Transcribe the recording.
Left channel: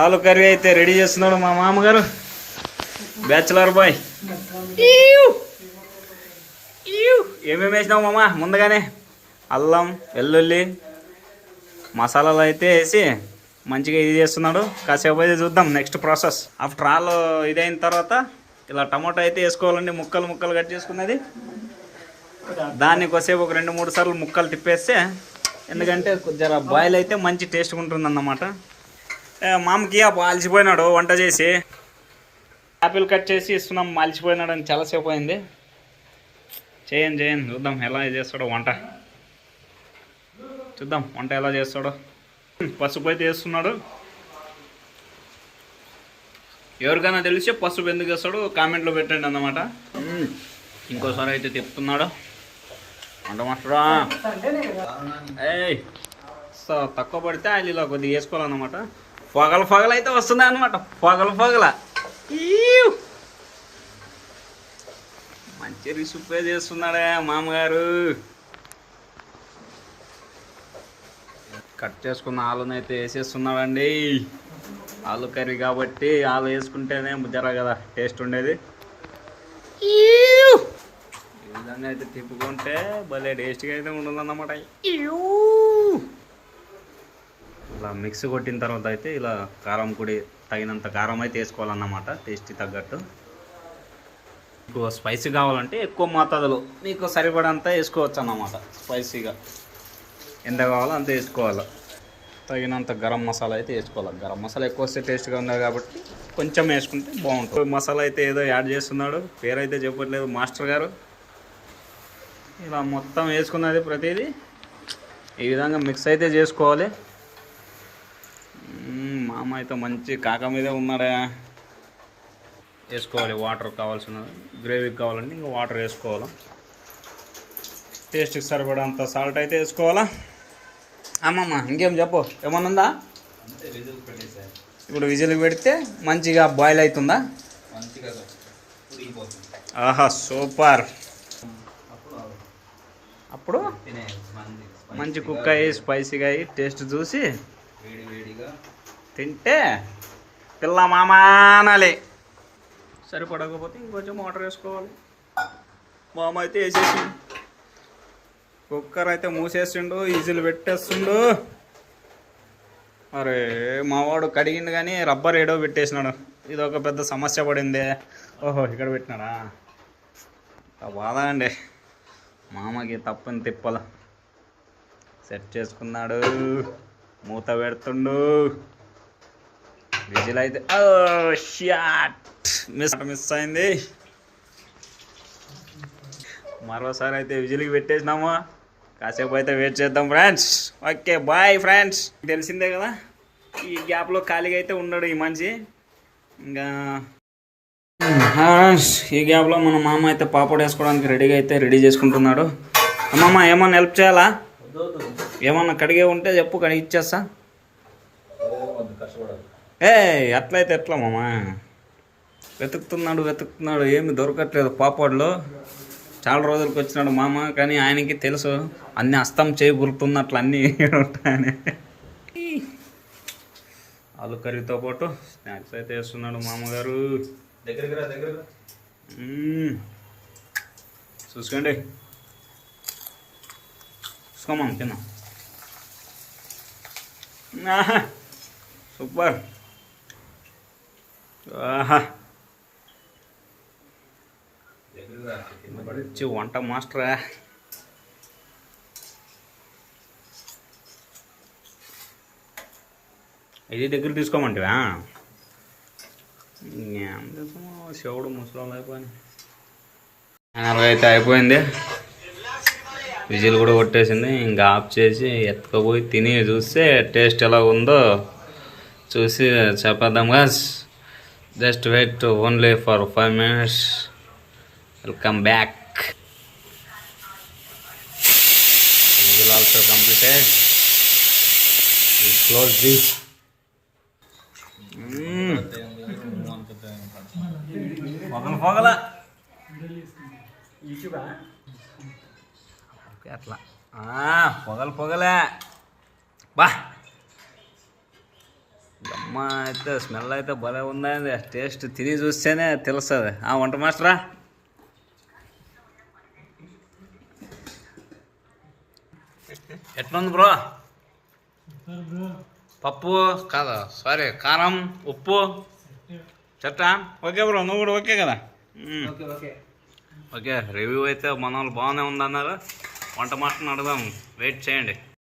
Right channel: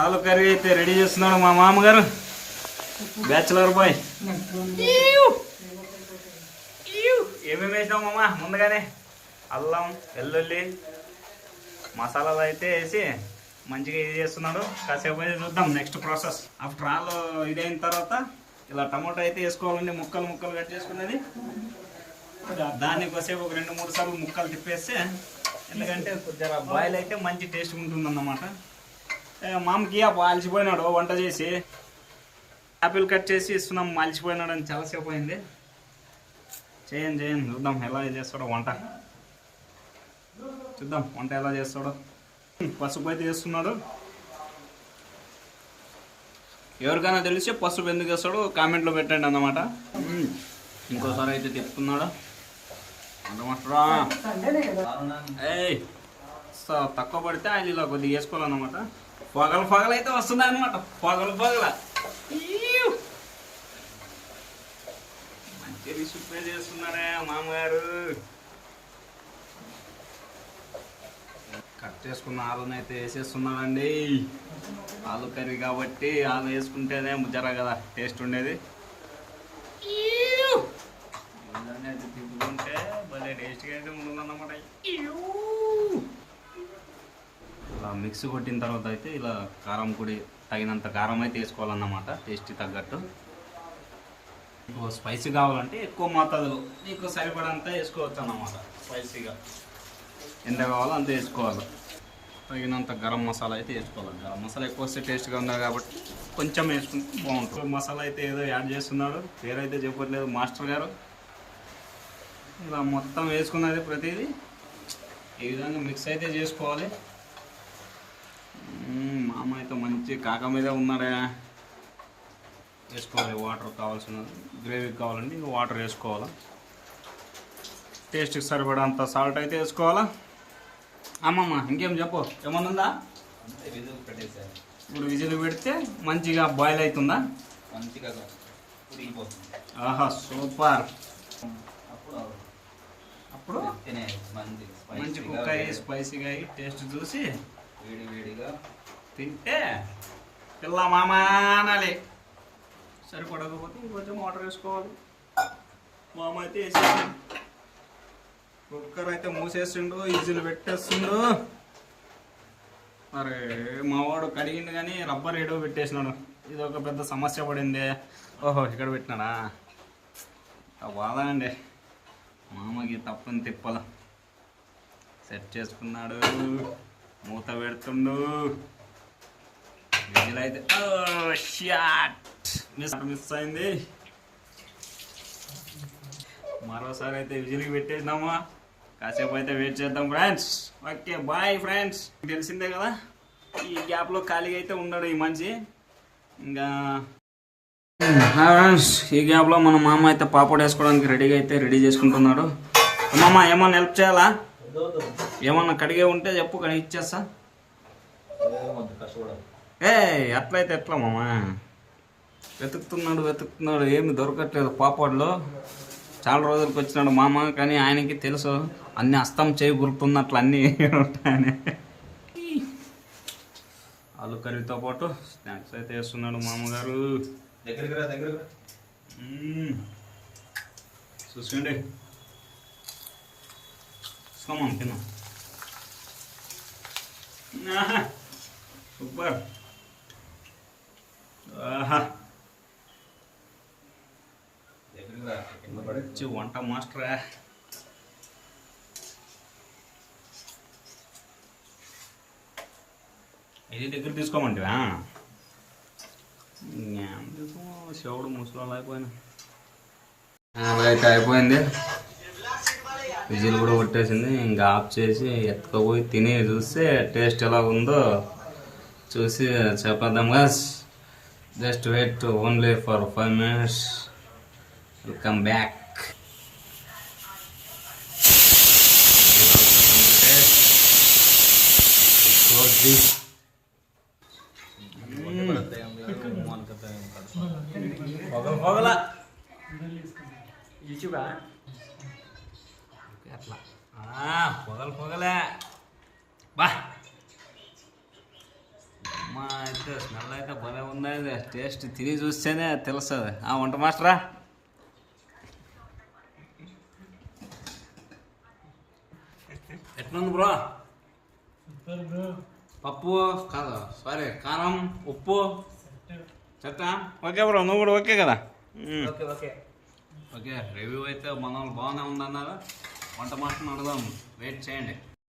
ఆలు కర్రీ అయితే రెడీ చేస్తున్నాడు మా మామగారు, బ్యాచులర్ బాయ్. ఏమేమి వేసినావు మామ? ముందుగానే అల్లం, వెల్లుల్లి, మసాలాలు అయితే వేసి మంచిగా ఇది చేస్తున్నాడు. కాసేపు అయితే చూద్దాం నెక్స్ట్ ప్రాసెస్. ఆఫ్టర్ ఆల్ ఇదైన తర్వాత ఇలా టమాటో అయితే వేసుకోవాలండి. ముక్కలు ముక్కలు కట్ చేసుకున్నది దాన్ని కొద్దిసేపు ఒక 2-3 సార్లు ముక్కలు తిప్పేస్తే, ఎందుకంటే జర బాయిల్ అయితే మంచి టేస్ట్గా ఉంటుంది అన్నమాట. మామకి అలసిపోయినాడు వంట చేసి, యాపిల్ కట్ చేసి ఇస్తున్నాం. అలసిపోయినాడు అని చాలాసేపు అయింది. చేయండి చూద్దాం ఎలా చేస్తాడో వంట. చూద్దాం వంట ఎలా చేస్తాడో. పసుపు అయితే వేస్తున్నాడు. ఎవరికైనా తెలిస్తే పసుపు ఎందుకు వేస్తాడో కామెంట్లో పెట్టండి అన్నమాట. ఇంకోసారి అయితే తిప్పుతున్నాడు వంట మాస్టరా. తక్కువ పడితే ఆయన ఇలా కొద్దిగా వేసుకోవాలన్నమాట. పొగలు అయితే వస్తున్నాయి అనమాట. పొగల మంచి రిసిపే చేస్తున్నాడే మామగారు. కట్ చేసుకున్న ఆలుని అయితే వేసేస్తున్నాడండి. ఆలు కర్రీ కాబట్టి ఆలు వేసుకుంటేనే ముజ్జరా కదా టేస్ట్ ఉండేది. విధంగా అయితే తిప్పుకుంటే భలే టేస్ట్గా అయితే ఉంటుందన్నమాట. ఇలా మిక్స్ కొట్టిన తర్వాత అయితే ఇలా కారం పొడి తగినంత కారం అయితే వేసుకోవాలన్నమాట, టేస్ట్కి తగ్గట్టు. మీకు స్పైసీ కావాలంటే ఎక్కువ మోతాదులో మీకు సరిపడంతా వేసుకోవచ్చు అన్నమాట. స్పైసీగా ఎంత కావాలో అంత వేసుకోవాలి. తగినంత గరం మసాలా అయితే వేసుకోవాలి. గరం మసాలా ఎక్కువ వస్తే టేస్ట్గా ఉంది కాబట్టి కొంచెం వేసుకుంటే బాగుంటుంది. మసాలా అయితే ఏదో యాడ్ చేస్తున్నాడు, పేరైతే చెప్పట్లేదు మాస్టర్ గారు. ఇలా మొత్తం వేసుకున్నది ప్రతిదీ ఈ విధంగా మిక్స్ అయితే చేసుకోవాలి. మామ అయితే మంచి కాక మీదే ఉన్నాడా. వేసుకోవాలి వాటర్, కావాల్సిన గ్రేవీకి కావాలంటే ఇంకా వాటర్ వేసుకోవాలా. టేస్ట్కి సరిపడంత సాల్ట్ అయితే వేసుకోవాలా. అమ్మమ్మ ఇంకేం చెప్పు, ఏమన్నా ఇప్పుడు విజిల్ పెడితే మంచిగా బాయిల్ అవుతుందా? ఆహా సూపర్. అప్పుడు మంచి కుక్ అయ్యి స్పైసీగా అయ్యి టేస్ట్ చూసి తింటే పిల్ల మామానాలి. సరిపడకపోతే ఇంకొంచెం వాటర్ వేసుకోవాలి. మామ అయితే వేసేసిండు. కుక్కర్ అయితే మూసేసిండు, విజిల్ పెట్టేస్తుండు. అరే మావాడు కడిగిండు కానీ రబ్బర్ ఏడో పెట్టేసినాడు. ఇది ఒక పెద్ద సమస్య పడింది. ఓహో ఇక్కడ పెట్టినాడా, బాధ అండి. మామకి తప్పని తిప్పల సెట్ చేసుకున్నాడు. మూత పెడుతుండు. విజిల్ అయితే షాట్ మిస్ అయింది. మరోసారి అయితే విజిల్కి పెట్టేసినాము. కాసేపు అయితే వెయిట్ చేద్దాం ఫ్రెండ్స్. Okay bye friends. తెలిసిందే కదా ఈ గ్యాప్లో ఖాళీగా అయితే ఉన్నాడు ఈ మనిషి. ఇంకా ఫ్రెండ్స్ ఈ గ్యాప్లో మన మామ అయితే పాపడ్ వేసుకోవడానికి రెడీ చేసుకుంటున్నాడు. అమ్మమ్మ ఏమన్నా హెల్ప్ చేయాలా? ఏమన్నా కడిగే ఉంటే చెప్పు, కడిగి ఇచ్చేస్తా. అట్లయితే ఎట్లా మామ? వెతుకుతున్నాడు ఏమి దొరకట్లేదు పాపడ్లో. చాలా రోజులకు వచ్చినాడు మామ, కానీ ఆయనకి తెలుసు అన్ని అస్తం చేయి గుర్తున్నట్లు అన్నీ ఉంటాయని. ఆలు కర్రీతో పాటు స్నాక్స్ అయితే వేస్తున్నాడు మామగారు. చూసుకోండి, చూసుకోమా తిన్నా. సూపర్. మంచి వంట మాస్టరా. ఇది దగ్గర తీసుకోమంటివా? శివుడు ముసలోళ్ళు అయిపోయినా. అలాగైతే అయిపోయింది. విజిల్ కూడా కొట్టేసింది. ఇంకా ఆఫ్ చేసి ఎత్తుకపోయి తిని చూస్తే టేస్ట్ ఎలా ఉందో చూసి చెప్పేద్దాం guys. Just wait only for 5 minutes. Welcome back. Whistle also completed. Close the. పొగల అట్లా పొగలే బా. అమ్మ అయితే స్మెల్ అయితే భలే ఉందండి. టేస్ట్ తిని చూస్తేనే తెలుస్తుంది. వంట మాస్టరా, ఎట్లుంది బ్రో? పప్పు కాదా, సారీ, కారం, ఉప్పు చెట్ట. ఓకే బ్రో, నువ్వు కూడా ఓకే కదా? ఓకే, రివ్యూ అయితే మన వాళ్ళు బాగానే ఉందన్నారు. వంట మాస్టర్ని అడదాం, వెయిట్ చేయండి.